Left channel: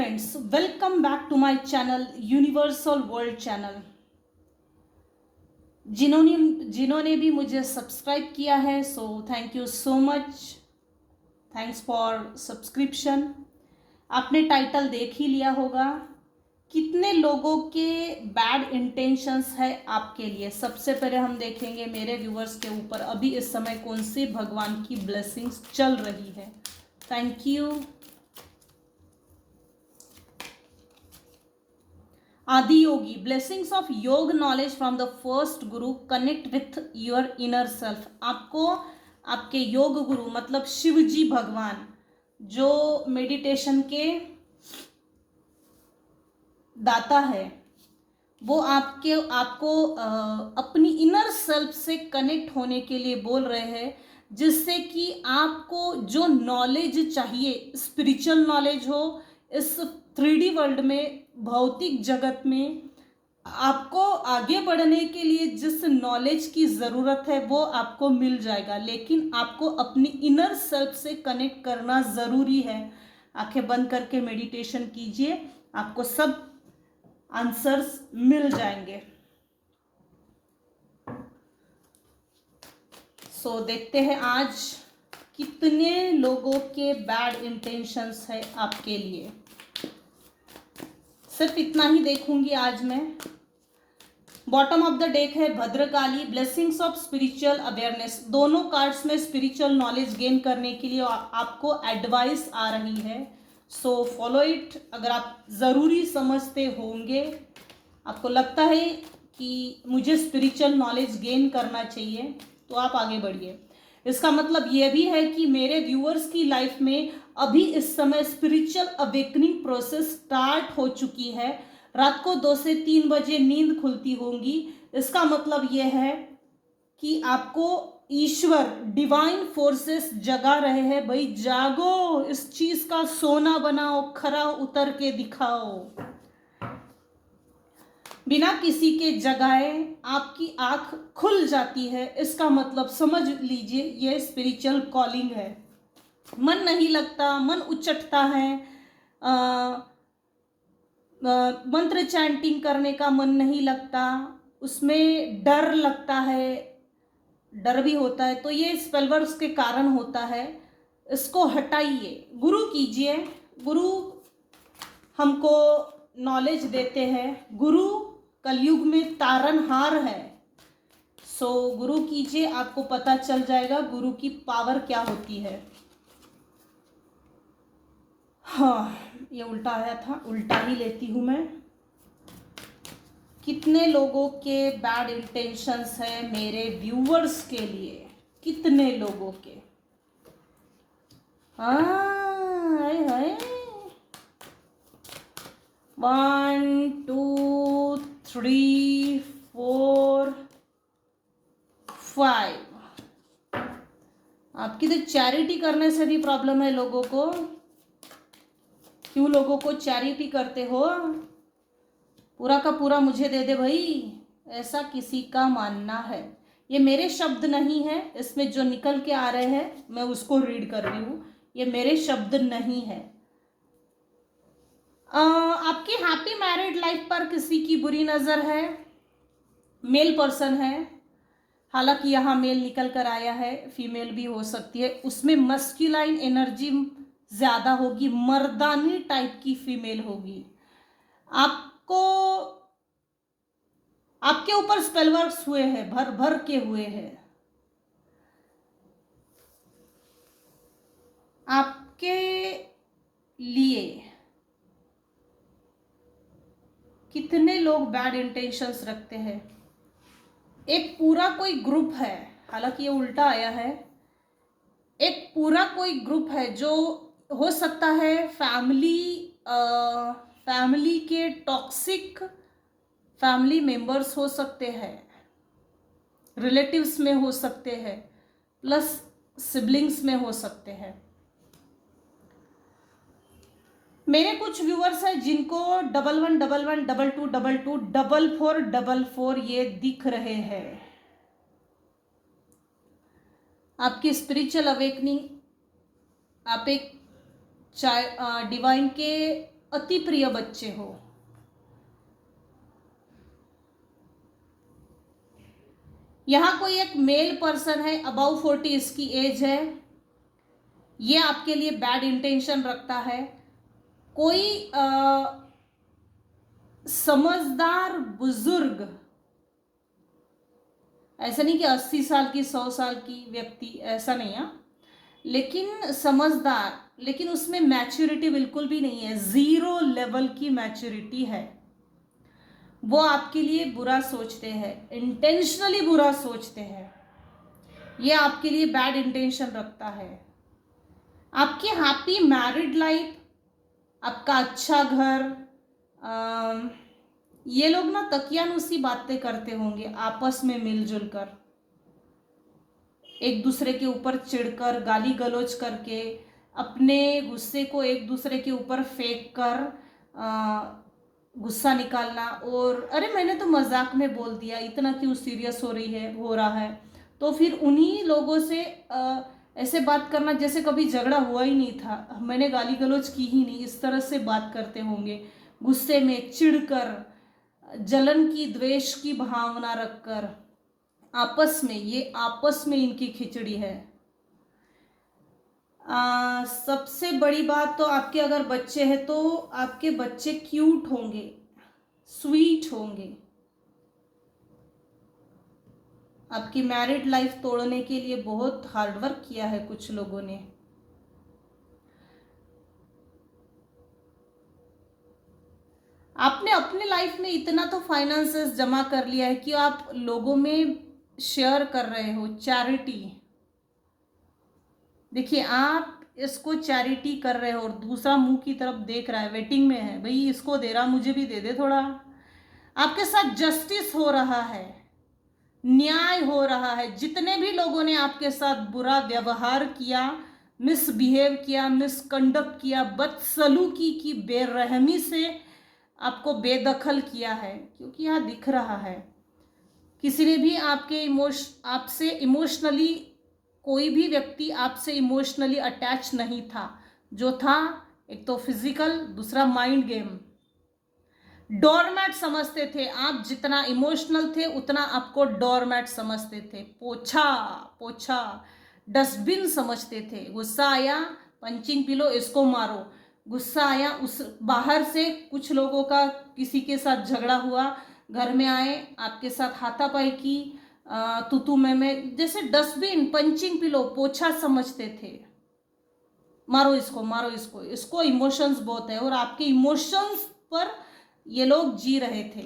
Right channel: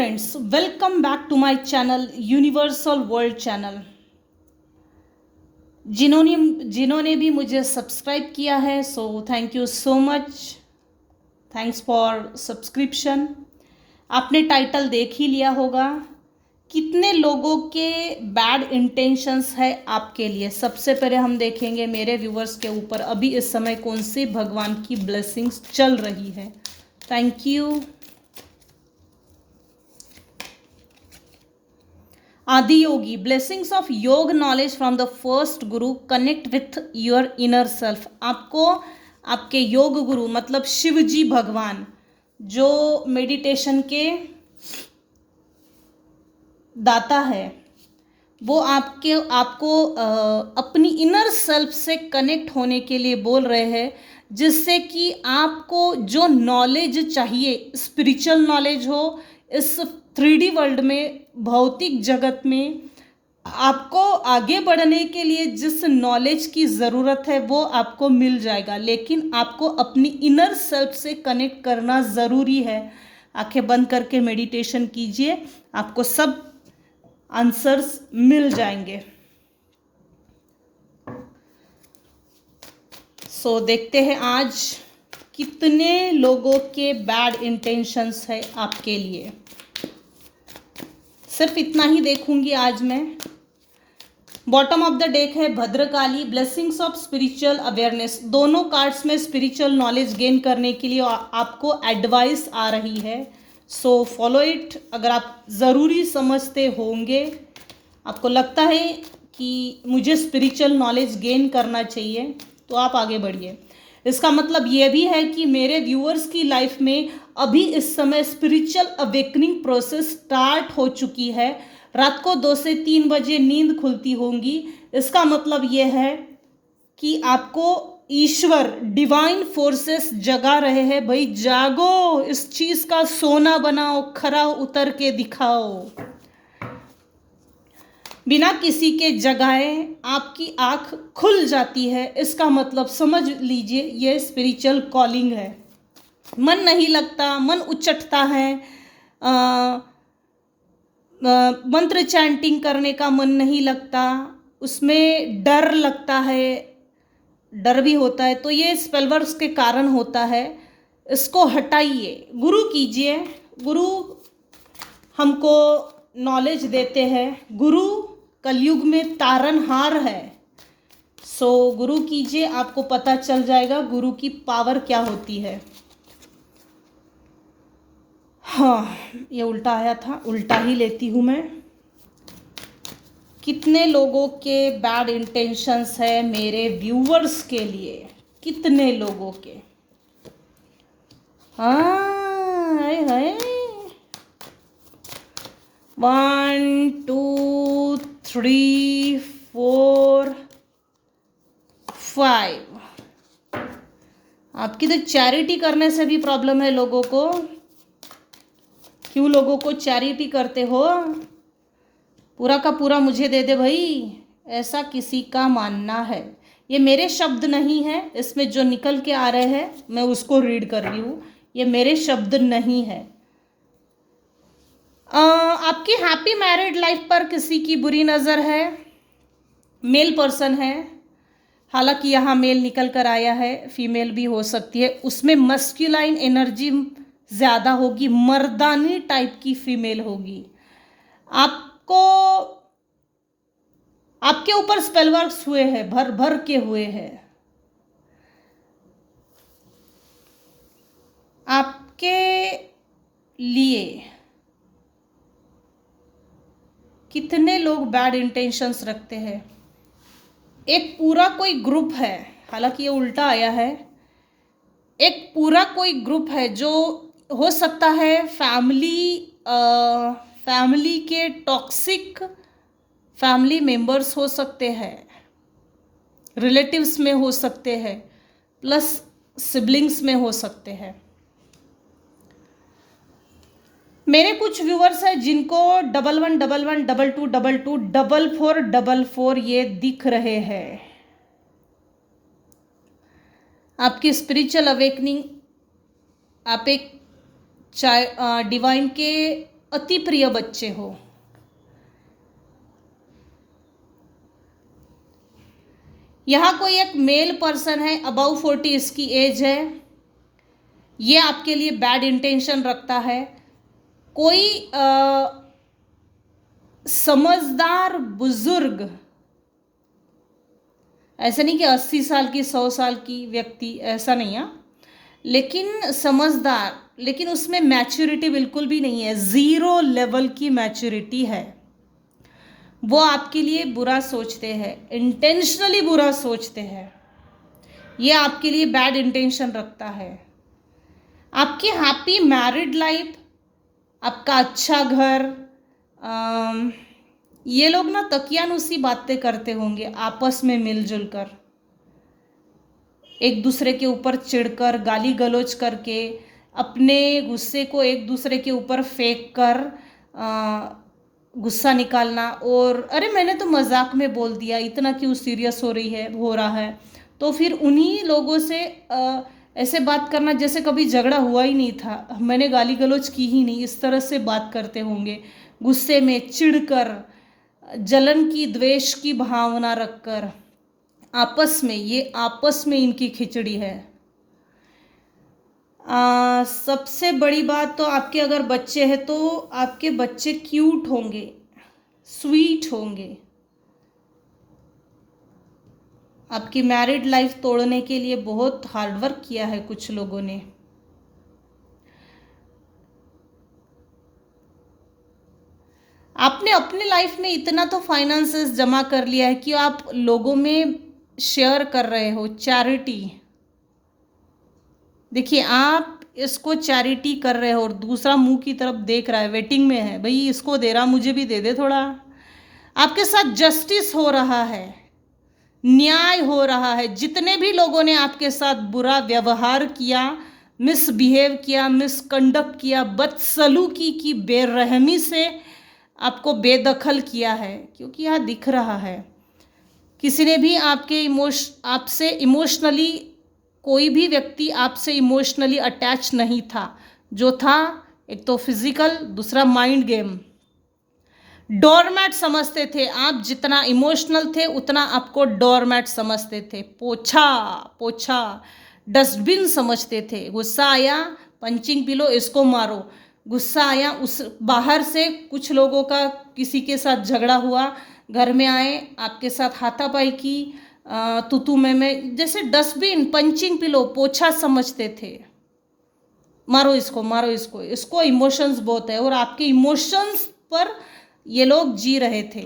Friends, welcome back to my channel universal world channel. जिन्होंने जिन्होंने भी मुझे सब्सक्राइब किया है, so thank you so much. Thanks for subscription. आपने टाइटल देख ही लिया होगा। कितने लोगों के बैड इंटेंशंस है आपके लिए। सबसे पहले हम देखेंगे मेरे व्यूवर्स के ऊपर अभी इस समय कौन सी भगवान की ब्लेसिंग्स चल रही है। Thank you. आदि योगी, ब्लेसिंग्स ऑफ योग knowledge from the first Guru, connect with your inner self. आपको आपके योग गुरु मतलब शिव जी भगवान जो मेडिटेशन के दाता है, वो आपको अपनी इनर सेल्फ से कनेक्ट होने के लिए बोल रहे हैं, जिससे कि आपको जो नॉलेज चाहिए, स्पिरिचुअल नॉलेज हो, इस 3D वर्ल्ड में, भौतिक जगत में आपको आगे बढ़ने के लिए जिस नॉलेज की ज़रूरत है वो आपको मिल जाएगा। लेकिन आपको अपनी इनर सेल्फ से कनेक्ट करना ज़रूरी है। आंखें बंद करके मेडिटेशन कीजिए, आपको सब आंसर्स मिल जाएंगे। सो देखते हैं आज कितने लोगों के बैड इंटेंशंस है आपके लिए। सिर्फ इतना ही देखूंगी आज मैं। बॉटम ऑफ द डेक है Bhadrakali, blessings of spiritual awareness. दोनों कार्ड्स में स्पिरिचुअल नॉलेज गेन करने के लिए आपको एडवाइस आ रही है, सो फॉलो इट। अगर आप ज़रूरी समझते होंगे, आपको लगता है कि मुझे स्पिरिचुअल नॉलेज गेन करना चाहिए, तो आप आगे बढ़िए। इसका मतलब ये भी है कि मेरे व्यूअर्स की लाइफ में अभी इस समय स्पिरिचुअल अवेकनिंग प्रोसेस स्टार्ट हो चुकी है। रात को 2 से 3 बजे नींद खुलती होंगी। इसका मतलब ये है कि आपको ईश्वर, डिवाइन फोर्सेस जगा रहे हैं। भाई जागो, इस चीज का सोना बनाओ, खरा उतर के दिखाओ। बिना किसी के जगाए आपकी आंख खुल जाती है। इसका मतलब समझ लीजिए ये स्पिरिचुअल कॉलिंग है। मन नहीं लगता, मन उचटता है, मंत्र चैंटिंग करने का मन नहीं लगता, उसमें डर लगता है, डर भी होता है, तो ये स्पेलवर्क्स के कारण होता है। इसको हटाइए, गुरु कीजिए। गुरु हमको नॉलेज देते हैं। गुरु कलयुग में तारनहार है। सो गुरु कीजिए, आपको पता चल जाएगा गुरु की पावर क्या होती है। हाँ, ये उल्टा आया था, उल्टा ही लेती हूँ मैं। कितने लोगों के बैड इंटेंशंस है मेरे व्यूअर्स के लिए, कितने लोगों के। हाँ है 1 2 3 4 5। आपकी तो चैरिटी करने से भी प्रॉब्लम है लोगों को। क्यों लोगों को चैरिटी करते हो? पूरा का पूरा मुझे दे दे भाई, ऐसा किसी का मानना है। ये मेरे शब्द नहीं है, इसमें जो निकल के आ रहे हैं मैं उसको रीड कर रही हूँ, ये मेरे शब्द नहीं है। आपकी हैप्पी मैरिड लाइफ पर किसी की बुरी नज़र है, मेल पर्सन है। हालांकि यहाँ मेल निकल कर आया है, फीमेल भी हो सकती है। उसमें मस्कुलाइन एनर्जी ज़्यादा होगी, मर्दानी टाइप की फीमेल होगी। आपको, आपके ऊपर स्पेलवर्क्स हुए हैं, भर भर के हुए हैं। आपके लिए कितने लोग बैड इंटेंशंस रखते हैं। एक पूरा कोई ग्रुप है, हालांकि ये उल्टा आया है। एक पूरा कोई ग्रुप है जो हो सकता है फैमिली के टॉक्सिक फैमिली मेंबर्स हो सकते हैं, रिलेटिव्स में हो सकते हैं, प्लस सिबलिंग्स में हो सकते हैं। मेरे कुछ व्यूवर्स हैं जिनको 1111 22 22 44 44 ये दिख रहे हैं। आपकी स्पिरिचुअल अवेकनिंग, आप एक डिवाइन के अति प्रिय बच्चे हो। यहाँ कोई एक मेल पर्सन है, अबाउ 40 इसकी एज है, ये आपके लिए बैड इंटेंशन रखता है। कोई समझदार बुजुर्ग, ऐसा नहीं कि 80 साल की 100 साल की व्यक्ति, ऐसा नहीं है, लेकिन समझदार, लेकिन उसमें मैच्योरिटी बिल्कुल भी नहीं है, 0 लेवल की मैच्योरिटी है। वो आपके लिए बुरा सोचते हैं, इंटेंशनली बुरा सोचते हैं, ये आपके लिए बैड इंटेंशन रखता है। आपकी हैप्पी मैरिड लाइफ, आपका अच्छा घर, ये लोग ना तकियानुसी बातें करते होंगे आपस में मिलजुल कर, एक दूसरे के ऊपर चिढ़कर, गाली गलौज करके, अपने गुस्से को एक दूसरे के ऊपर फेंक कर गुस्सा निकालना, और अरे मैंने तो मजाक में बोल दिया, इतना क्यों सीरियस हो रहा है। तो फिर उन्हीं लोगों से ऐसे बात करना जैसे कभी झगड़ा हुआ ही नहीं था, मैंने गाली गलौज की ही नहीं, इस तरह से बात करते होंगे, गुस्से में चिढ़कर, जलन की, द्वेष की भावना रखकर आपस में, ये आपस में इनकी खिचड़ी है। सबसे बड़ी बात तो आपके अगर बच्चे हैं तो आपके बच्चे क्यूट होंगे, स्वीट होंगे। आपकी मैरिड लाइफ तोड़ने के लिए बहुत हार्डवर्क किया है कुछ लोगों ने। आपने अपने लाइफ में इतना तो फाइनेंसेस जमा कर लिया है कि आप लोगों में शेयर कर रहे हो, चैरिटी। देखिए, आप इसको चैरिटी कर रहे हो और दूसरा मुंह की तरफ देख रहा है, वेटिंग में है, भाई इसको दे रहा, मुझे भी दे दे थोड़ा। आपके साथ जस्टिस हो रहा है, न्याय हो रहा है। जितने भी लोगों ने आपके साथ बुरा व्यवहार किया, मिसबिहेव किया, मिसकंडक्ट किया, बदसलूकी की, बेरहमी से आपको बेदखल किया है, क्योंकि यहाँ दिख रहा है किसी ने भी आपसे इमोशनली, कोई भी व्यक्ति आपसे इमोशनली अटैच नहीं था। जो था, एक तो फिजिकल, दूसरा माइंड गेम। डोरमैट समझते थे आप, जितना इमोशनल थे उतना आपको डोरमैट समझते थे, पोछा पोछा, डस्टबिन समझते थे। गुस्सा आया, पंचिंग पिलो, इसको मारो। गुस्सा आया, उस बाहर से कुछ लोगों का किसी के साथ झगड़ा हुआ, घर में आए, आपके साथ हाथापाई की, तुतू में जैसे डस्टबिन, पंचिंग पिलो, पोछा समझते थे। मारो इसको, मारो इसको, इसको इमोशंस बहुत है, और आपके इमोशंस पर ये लोग जी रहे थे।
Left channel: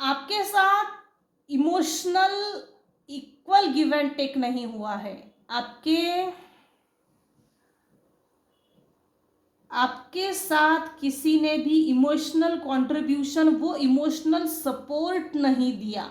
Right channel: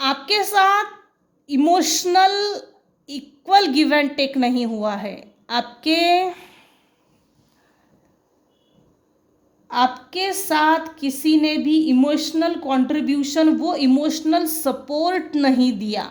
आपके साथ emotional equal give and take नहीं हुआ है। आपके साथ किसी ने भी इमोशनल कंट्रीब्यूशन, वो इमोशनल सपोर्ट नहीं दिया,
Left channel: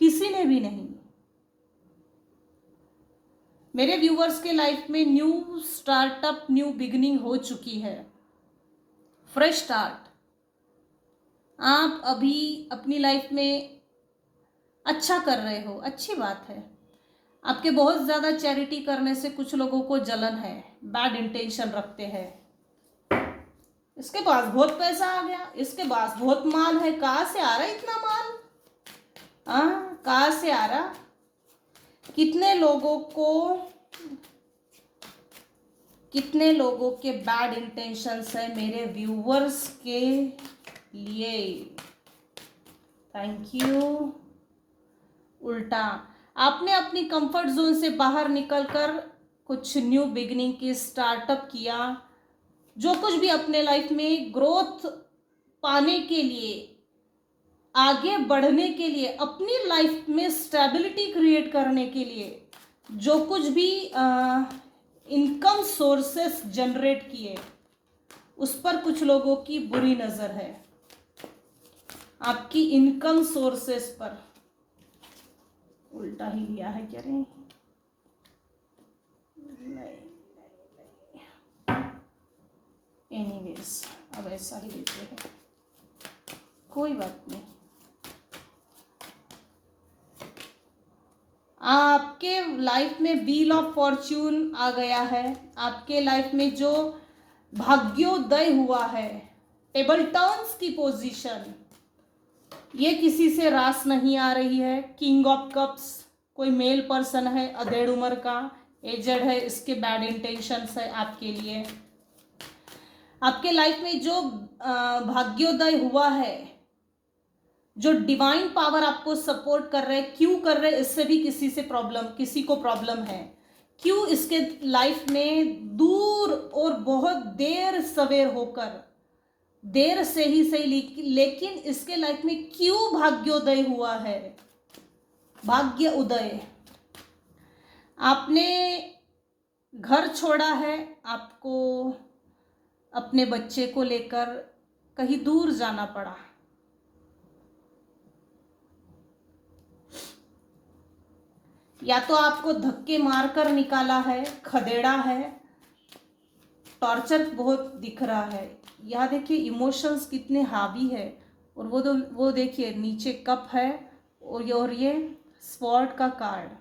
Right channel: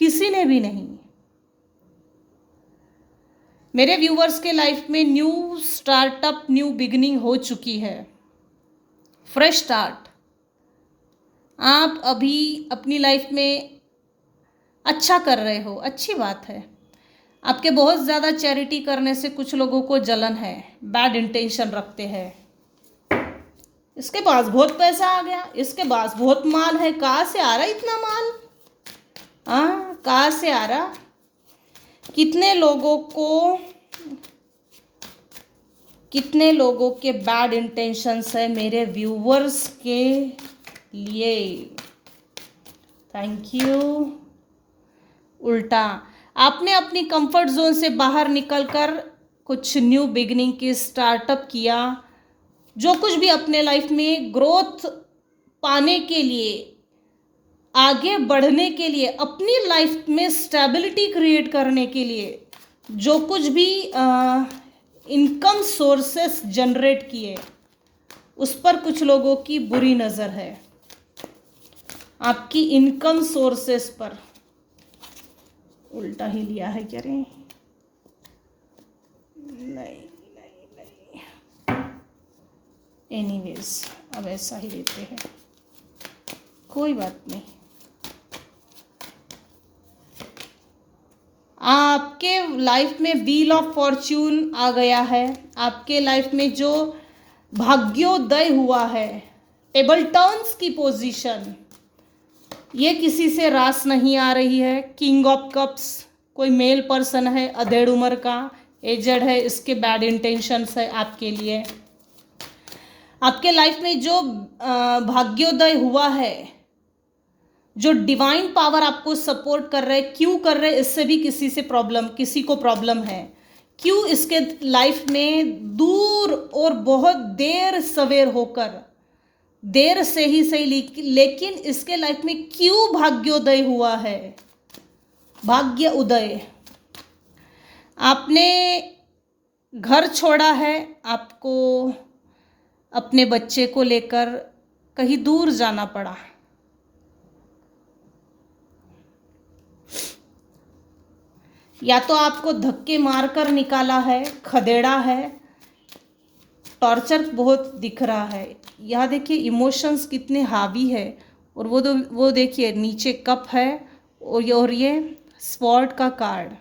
किसी ने भी नहीं। मेरे व्यूवर्स के लाइफ में न्यू स्टार्टअप, न्यू बिगिनिंग हो चुकी है, फ्रेश स्टार्ट। आप अभी अपनी लाइफ में अच्छा कर रहे हो, अच्छी बात है। आपके बहुत ज़्यादा चैरिटी करने से कुछ लोगों को जलन है, बैड इंटेंशन रखते हैं। इसके पास बहुत पैसा आ गया, इसके पास बहुत माल है, कहाँ से आ रहा इतना माल, कहाँ से आ रहा। कितने लोगों के बैड इंटेंशंस है मेरे व्यूवर्स के लिए। Thank you. उल्टा, आपने अपनी कंफर्ट जोन से बाहर निकलकर कुछ न्यू बिगिनिंग की स्टार्टअप किया। जो कुछ भी अपने लाइफ में ग्रोथ पाने के लिए, आगे बढ़ने के लिए, अपनी लाइफ में स्टेबिलिटी क्रिएट करने के लिए, जो कुछ भी इनकम सोर्सेस जनरेट किए, उस पर कुछ लोगों की बुरी नज़र है। आपकी इनकम सोर्सेस पर उल्टा ही लिया है क्या रे? नहीं। एनीवेज, अब ऐसा ही लेते हैं, कोई बात नहीं। आपके लाइफ में व्हील ऑफ फॉर्च्यून आ गया है। आपके लाइफ में जो भाग्योदय हुआ है, टेबल टर्न्स की पोजीशन, ये किसी से रास नहीं आ रही है। किंग ऑफ कप्स, कोई मेल पर्सन है, अधेड़ उम्र का, एजड है, इसके बैड इंटेंशंस है आपके लिए। आपके लाइफ में जो भाग्योदय हुआ है, जो डिवाइन पावर आपको सपोर्ट कर रहे, क्यों कर रहे, इससे भी किसी को प्रॉब्लम है। क्यों इसके लाइफ में दूर और बहुत देर सवेर होकर, देर से ही सही, लेकिन इसके लाइफ में क्यों भाग्योदय हुआ है, भाग्य उदय। आपने घर छोड़ा है, आपको अपने बच्चे को लेकर कहीं दूर जाना पड़ा। या तो आपको धक्के मारकर निकाला है, खदेड़ा है, टॉर्चर बहुत दिख रहा है। यहाँ देखिए इमोशंस कितने हावी है, और वो देखिए नीचे कप है, और ये स्वॉर्ड का कार्ड।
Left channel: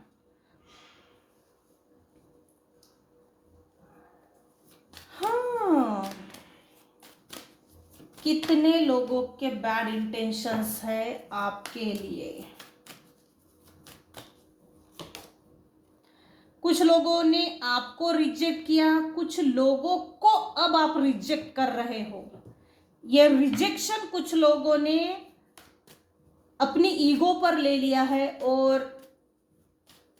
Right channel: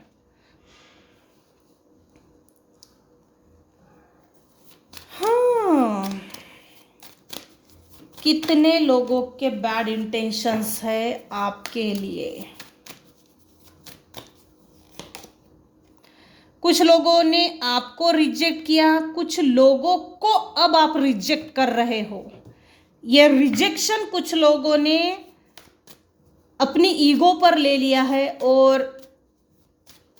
हाँ, कितने लोगों के बैड इंटेंशंस है आपके लिए। कुछ लोगों ने आपको रिजेक्ट किया, कुछ लोगों को अब आप रिजेक्ट कर रहे हो। ये रिजेक्शन कुछ लोगों ने अपनी ईगो पर ले लिया है, और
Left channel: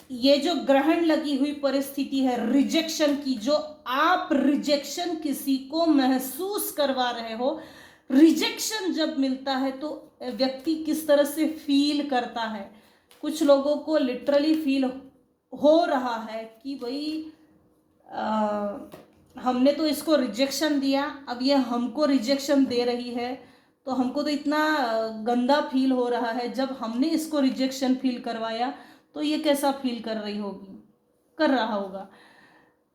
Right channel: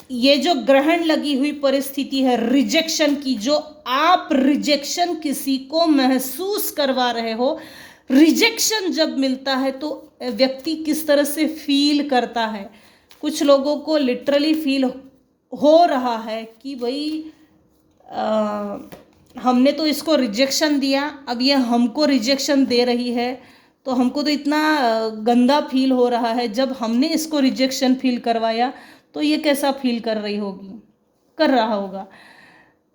ये जो ग्रहण लगी हुई परिस्थिति है रिजेक्शन की, जो आप रिजेक्शन किसी को महसूस करवा रहे हो, रिजेक्शन जब मिलता है तो व्यक्ति किस तरह से फील करता है। कुछ लोगों को लिटरली फील हो रहा है कि भाई हमने तो इसको रिजेक्शन दिया, अब ये हमको रिजेक्शन दे रही है, तो हमको तो इतना गंदा फील हो रहा है। जब हमने इसको रिजेक्शन फील करवाया तो ये कैसा फील कर रहा होगा।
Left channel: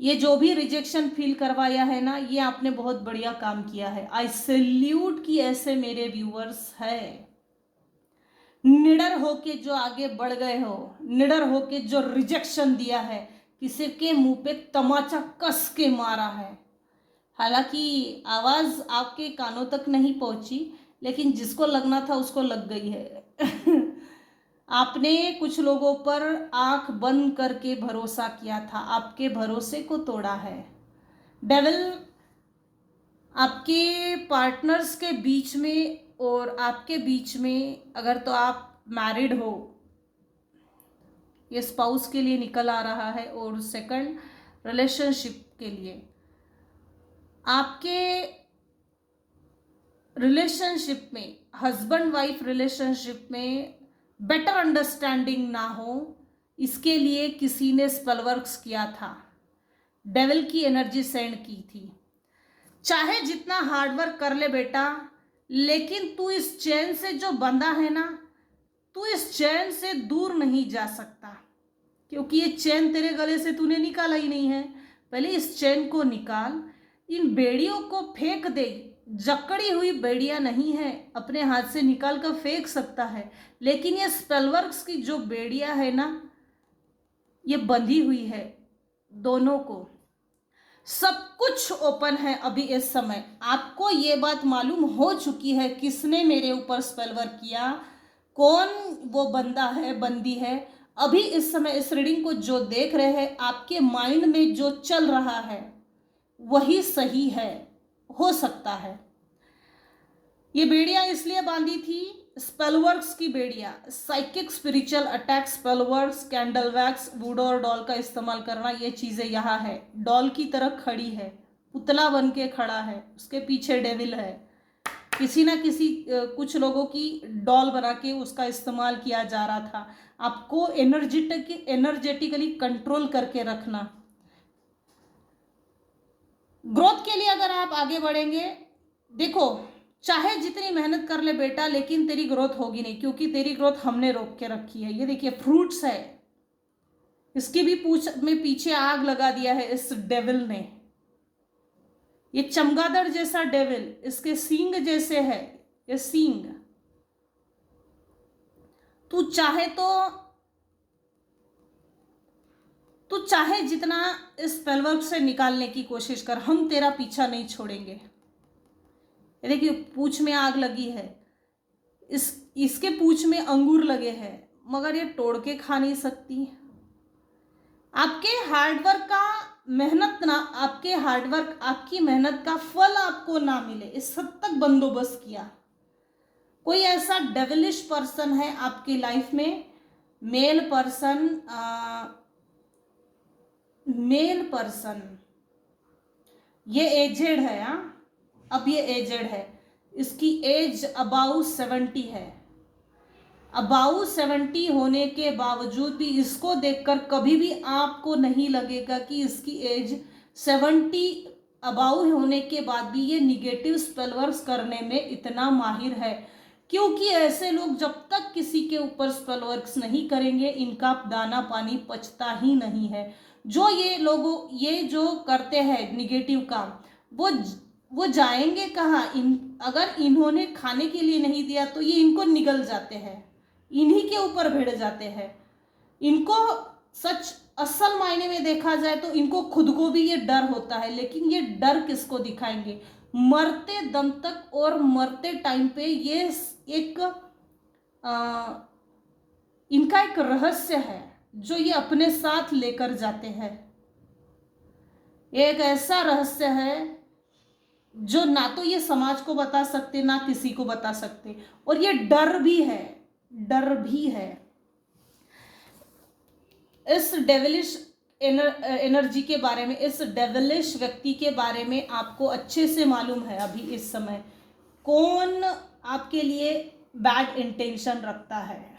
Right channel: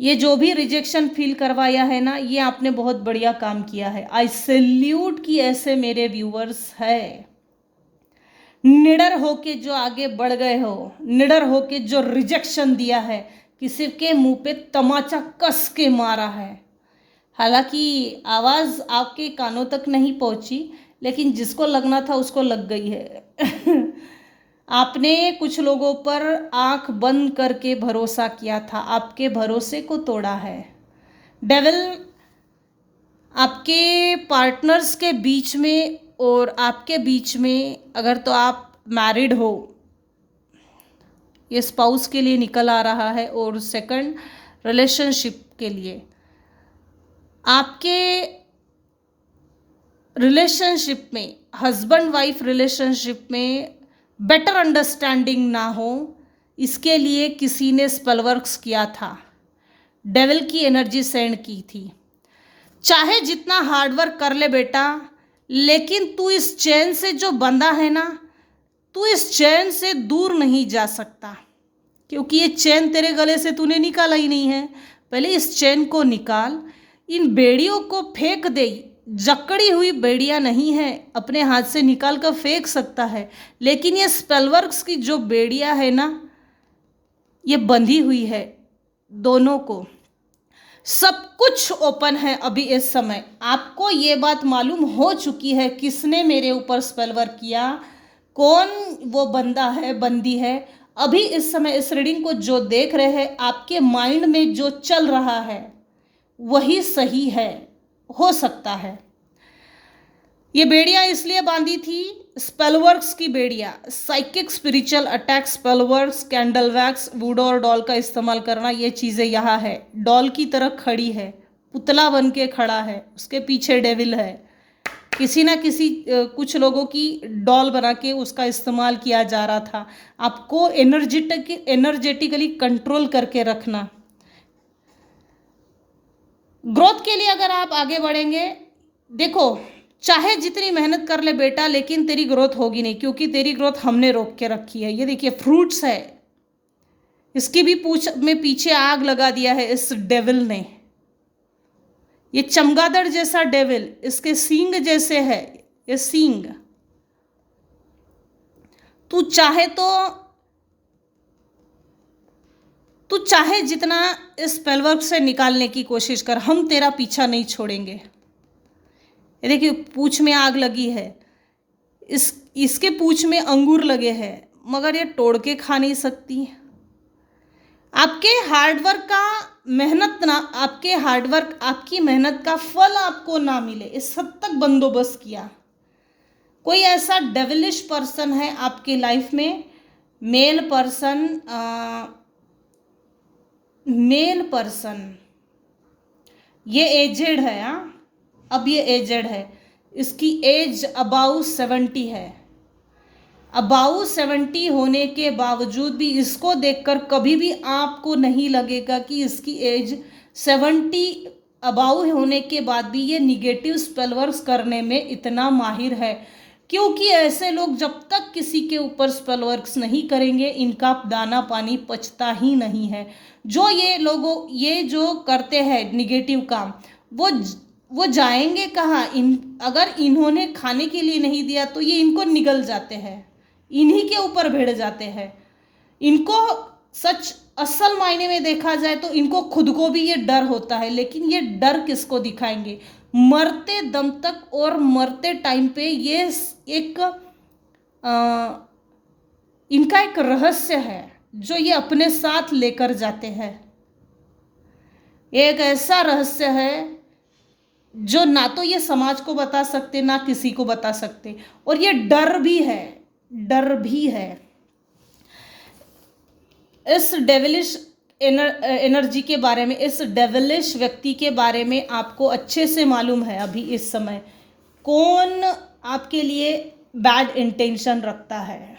ये जो भी रिजेक्शन फील करवाया है ना, ये आपने बहुत बढ़िया काम किया है। आई सैल्यूट कि ऐसे मेरे व्यूअर्स है, निडर होके जो आगे बढ़ गए हो, निडर होके जो रिजेक्शन दिया है, किसी के मुंह पे तमाचा कस के मारा है। हालांकि आवाज़ आपके कानों तक नहीं पहुंची, लेकिन जिसको लगना था उसको लग गई है। आपने कुछ लोगों पर आंख बंद करके भरोसा किया था, आपके भरोसे को तोड़ा है। डेविल आपके पार्टनर्स के बीच में और आपके बीच में, अगर तो आप मैरिड हो, ये स्पाउस के लिए निकल आ रहा है, और सेकंड रिलेशनशिप के लिए, आपके रिलेशनशिप में, हस्बैंड वाइफ रिलेशनशिप में बेटर अंडरस्टैंडिंग ना हो, इसके लिए किसी ने स्पेल वर्क्स किया था, डेविल की एनर्जी सेंड की थी। चाहे जितना हार्डवर्क कर ले बेटा, लेकिन तू इस चैन से जो बंधा है ना, तू इस चैन से दूर नहीं जा सकता, क्योंकि ये चैन तेरे गले से तूने निकाला ही नहीं है। पहले इस चैन को निकाल, इन बेड़ियों को फेंक दे। जकड़ी हुई बेड़ियां नहीं है, अपने हाथ से निकाल कर फेंक सकता है, लेकिन ये स्पेलवर्क्स की जो बेड़ियां है ना, ये बंधी हुई है दोनों को। सब कुछ ओपन है अभी इस समय। आपको ये बात मालूम हो चुकी है किसने मेरे ऊपर स्पेल वर्क किया, कौन वो बंदा है, बंदी है। अभी इस समय इस रीडिंग को जो देख रहे हैं, आपके माइंड में जो चल रहा है वही सही है, हो सकता है। ये बेड़ियां इसलिए बांधी थी, स्पेलवर्क्स की बेड़ियां, psychic spiritual attack, spellworks, candle wax, voodoo और डॉल का इस्तेमाल करना, ये चीज़ें यहाँ है। डॉल की तरह खड़ी है, पुतला बन के खड़ा है, उसके पीछे डेविल है। किसी ना किसी कुछ लोगों की डॉल बना के उसका इस्तेमाल किया जा रहा था। आपको एनर्जेटिकली कंट्रोल करके रखना। ग्रोथ के लिए अगर आप आगे बढ़ेंगे, देखो चाहे जितनी मेहनत कर ले बेटा, लेकिन तेरी ग्रोथ होगी नहीं, क्योंकि तेरी ग्रोथ हमने रोक के रखी है। ये देखिए फ्रूट्स है, इसकी भी पूंछ में पीछे आग लगा दिया है इस डेविल ने। ये चमगादड़ जैसा डेविल, इसके सींग जैसे है ये सींग। तू चाहे तो तू चाहे जितना इस स्पेलवर्क से निकालने की कोशिश कर, हम तेरा पीछा नहीं छोड़ेंगे। ये देखिए पूंछ में आग लगी है, इसके पूंछ में अंगूर लगे हैं, मगर ये तोड़ के खा नहीं सकती। आपके हार्डवर्क का मेहनत ना, आपके हार्डवर्क आपकी मेहनत का फल आपको ना मिले, इस हद तक बंदोबस्त किया। कोई ऐसा डेविलिश पर्सन है आपकी लाइफ में, मेल पर्सन, ये एजेड है। अब ये एजेड है, इसकी एज अबाउ 70 है। अबाउ 70 होने के बावजूद भी इसको देखकर कभी भी आपको नहीं लगेगा कि इसकी एज 70 अबाउ होने के बाद भी ये निगेटिव स्पेल वर्क्स करने में इतना माहिर है। क्योंकि ऐसे लोग जब तक किसी के ऊपर स्पेल वर्क्स नहीं करेंगे, इनका दाना पानी पचता ही नहीं है। ये जो करते हैं निगेटिव काम, वो जाएंगे कहाँ? अगर इन्होंने खाने के लिए नहीं दिया तो ये इनको निगल जाते हैं, इन्हीं के ऊपर भिड़ जाते हैं। इनको सच असल मायने में देखा जाए तो इनको खुद को भी ये डर होता है, लेकिन ये डर किसको दिखाएंगे? मरते दम तक और मरते टाइम पे ये इनका एक रहस्य है जो ये अपने साथ लेकर जाते हैं। एक ऐसा रहस्य है जो ना तो ये समाज को बता सकते, ना किसी को बता सकते, और ये डर भी है। इस डेविलिश एनर्जी के बारे में, इस डेविलिश व्यक्ति के बारे में आपको अच्छे से मालूम है अभी इस समय कौन आपके लिए बैड इंटेंशन रखता है।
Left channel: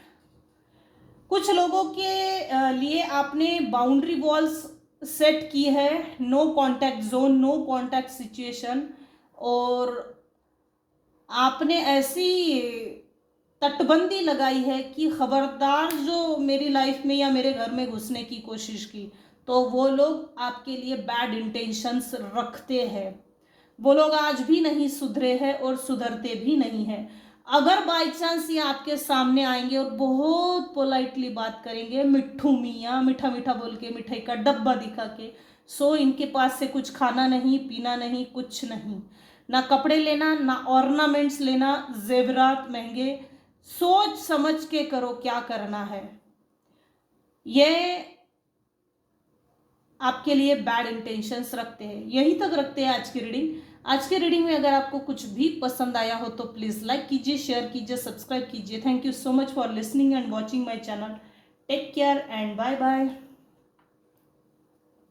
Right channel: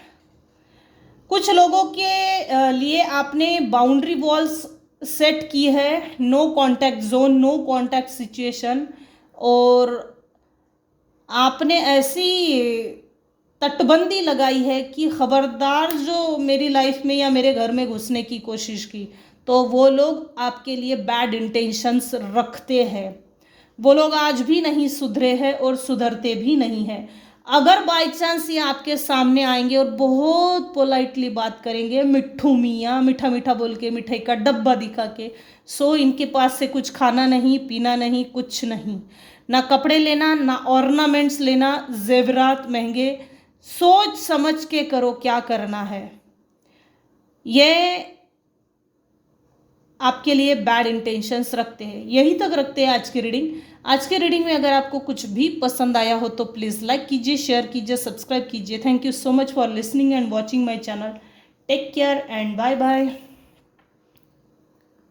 कुछ लोगों के लिए आपने बाउंड्री वॉल्स सेट की है, no contact zone, no contact situation, और आपने ऐसी तटबंदी लगाई है कि खबरदार जो मेरी लाइफ में या मेरे घर में घुसने की कोशिश की तो वो लोग आपके लिए बैड इंटेंशंस रखते हैं। वो लोग आज भी नहीं सुधरे हैं और सुधरते भी नहीं हैं। अगर बाय चांस ये आपके सामने आएंगे और बहुत पोलाइटली बात करेंगे, मिट्ठू मियाँ, मीठा मीठा बोल के, मिठाई का डब्बा दिखा के, सो इनके पास से कुछ खाना नहीं, पीना नहीं, कुछ नहीं, ना कपड़े लेना, ना ऑर्नामेंट्स लेना, जेवरात महंगे। सोच समझ के करो क्या करना है। ये आपके लिए बैड इंटेंशंस रखते हैं। यही तक रखते हैं आज की रीडिंग। आज की रीडिंग में अगर आपको कुछ भी पसंद आया हो तो प्लीज़ लाइक कीजिए, शेयर कीजिए, सब्सक्राइब कीजिए। Thank you so much for listening and watching my channel. Take care and bye bye.